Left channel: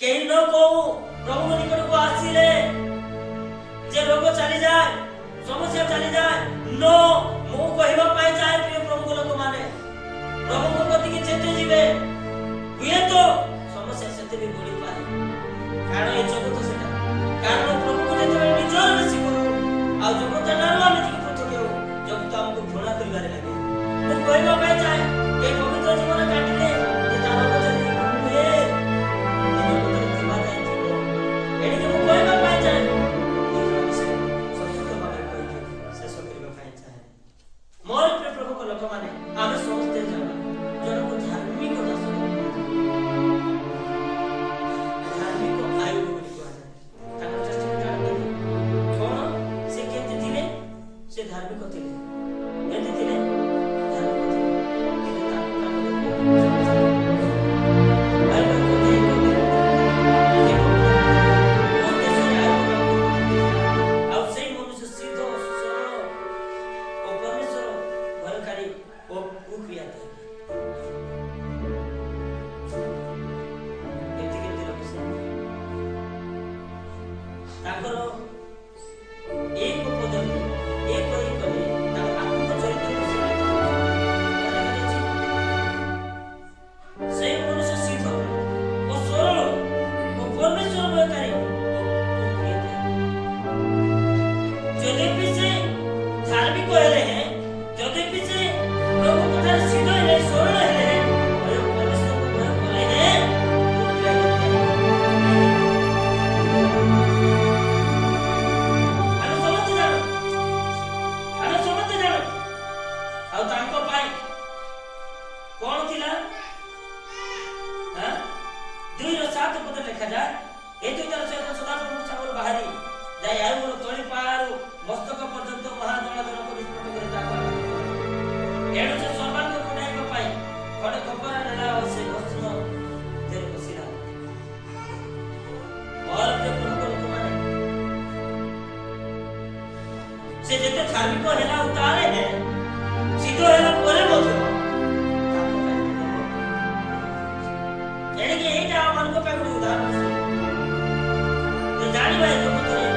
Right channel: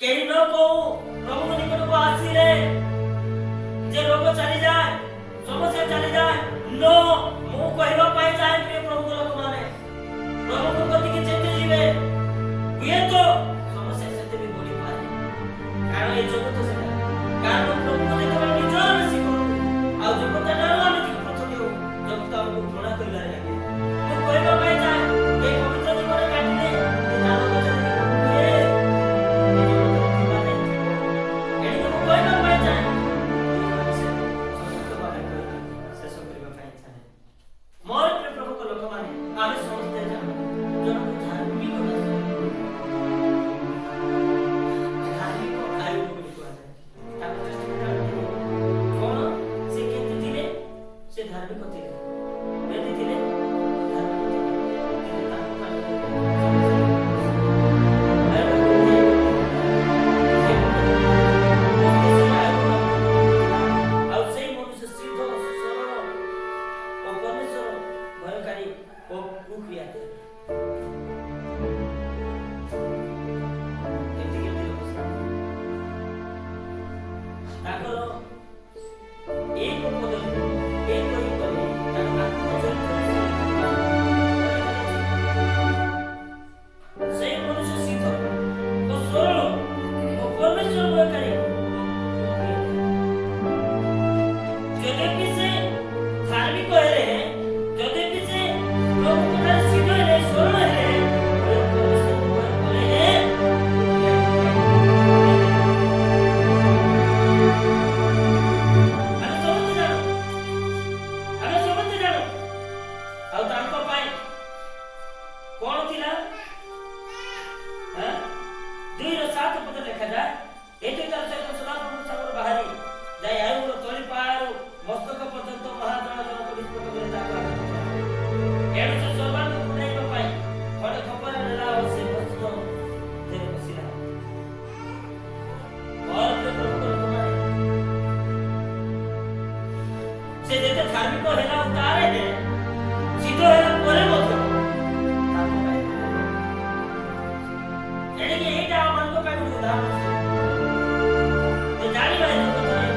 कहीं न को प्रभु निकट को आसिले जे रोग चली जाए समस्या चली जाए नो मु कहबा पाए चाहे प्रिय प्रभु लोक माने प्रभु को गति के चेते जीवे हुए तो समस्या सेते भी बढ़ी पाए कारण ए जगत सेटा कारण प्रभु को जेते निजर बेसी करू आ जगत नारो हम ठीक पछके हो जगत हमको घृणा करबारे लागे मु कहबा पाए चाहे ए पवित्र जीवन काटिले जे तारो को चली हुए से जेते धार्मिक हेला उतारे है सीधो हेला परे मध्य एडे के एटा मन को पे उदाहरण से जानी भाई जगत रे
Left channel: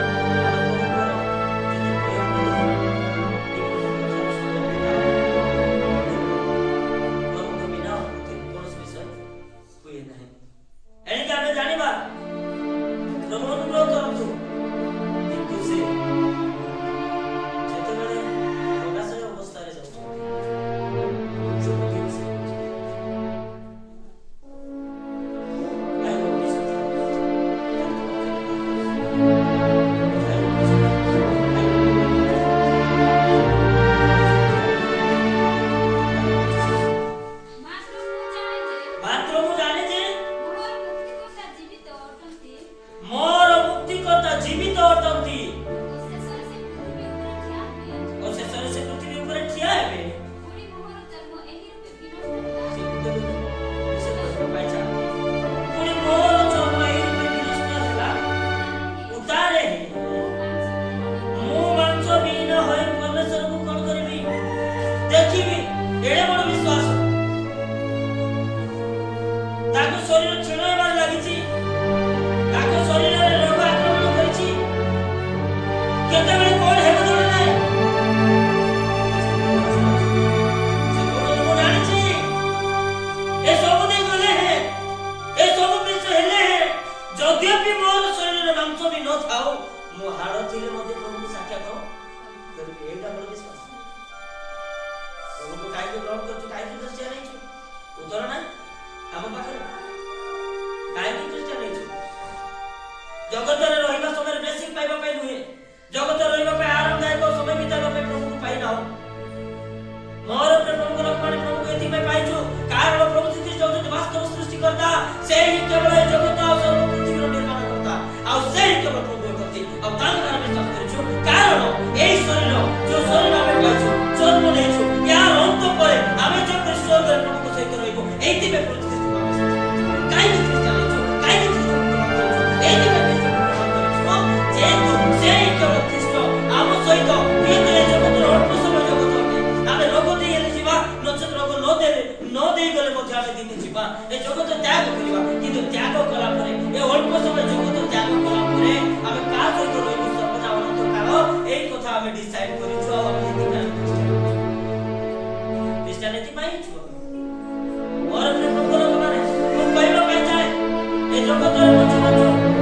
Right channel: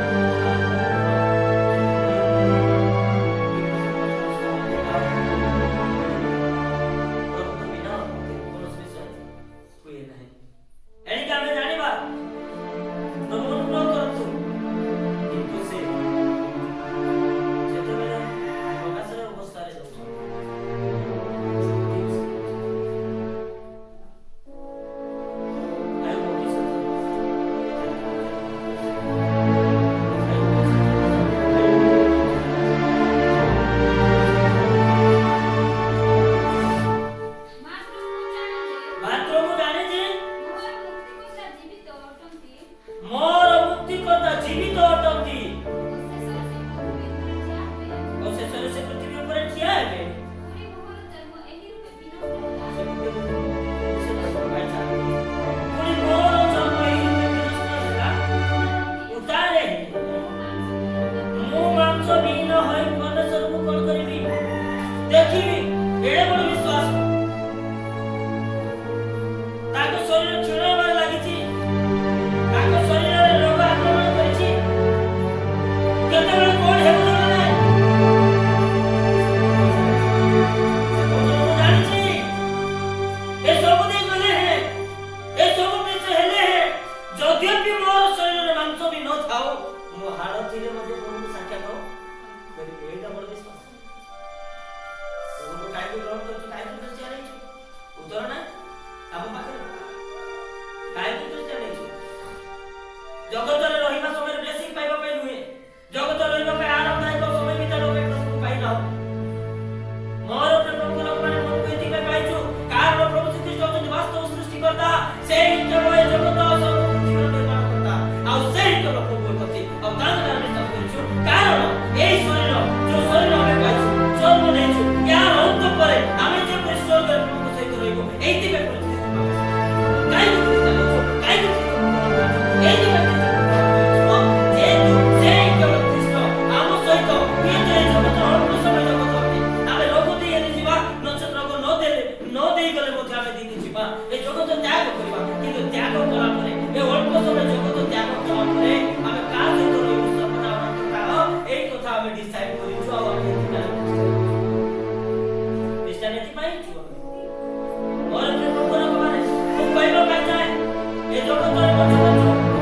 जगत रहिबा समय ब्लेसिंग पाइबा पे नुहे जगत रहिबा पे आरामदायक समय बिताइबा पे प्रभु पाइ ना मोर प्रभु को लोक माने प्रभु को एति पे पाइछु कारण प्रभु श्री कृष्ण होते वास्तव सृष्टि करता से ही केवल ए जगत और सर्व पृथ्वी रो निर्माण करता आ से ही केवल प्रभु करती आ तांग नाम विश्वास करछु कारण एई शरीर जो शरीर हमें पाइछु जन्म नेछु यार अंत परे हमें जो स्वर्ग रे प्रभु को सहित रहइबो एति पे प्रभु श्री कृष्ण काई भी कृष्ण नेछु काई भी कृष्ण एति पे समय जगत त्याग कला परे आमे का सहित रहबो सर्वदा अनंत काल एई कथा आमे डिसाइड करिछु आ आमे क्रिश्चियनिटी पाई छु और प्रिय प्रभु लोक माने मु कहबा पाई चाहे ए जगत रे मच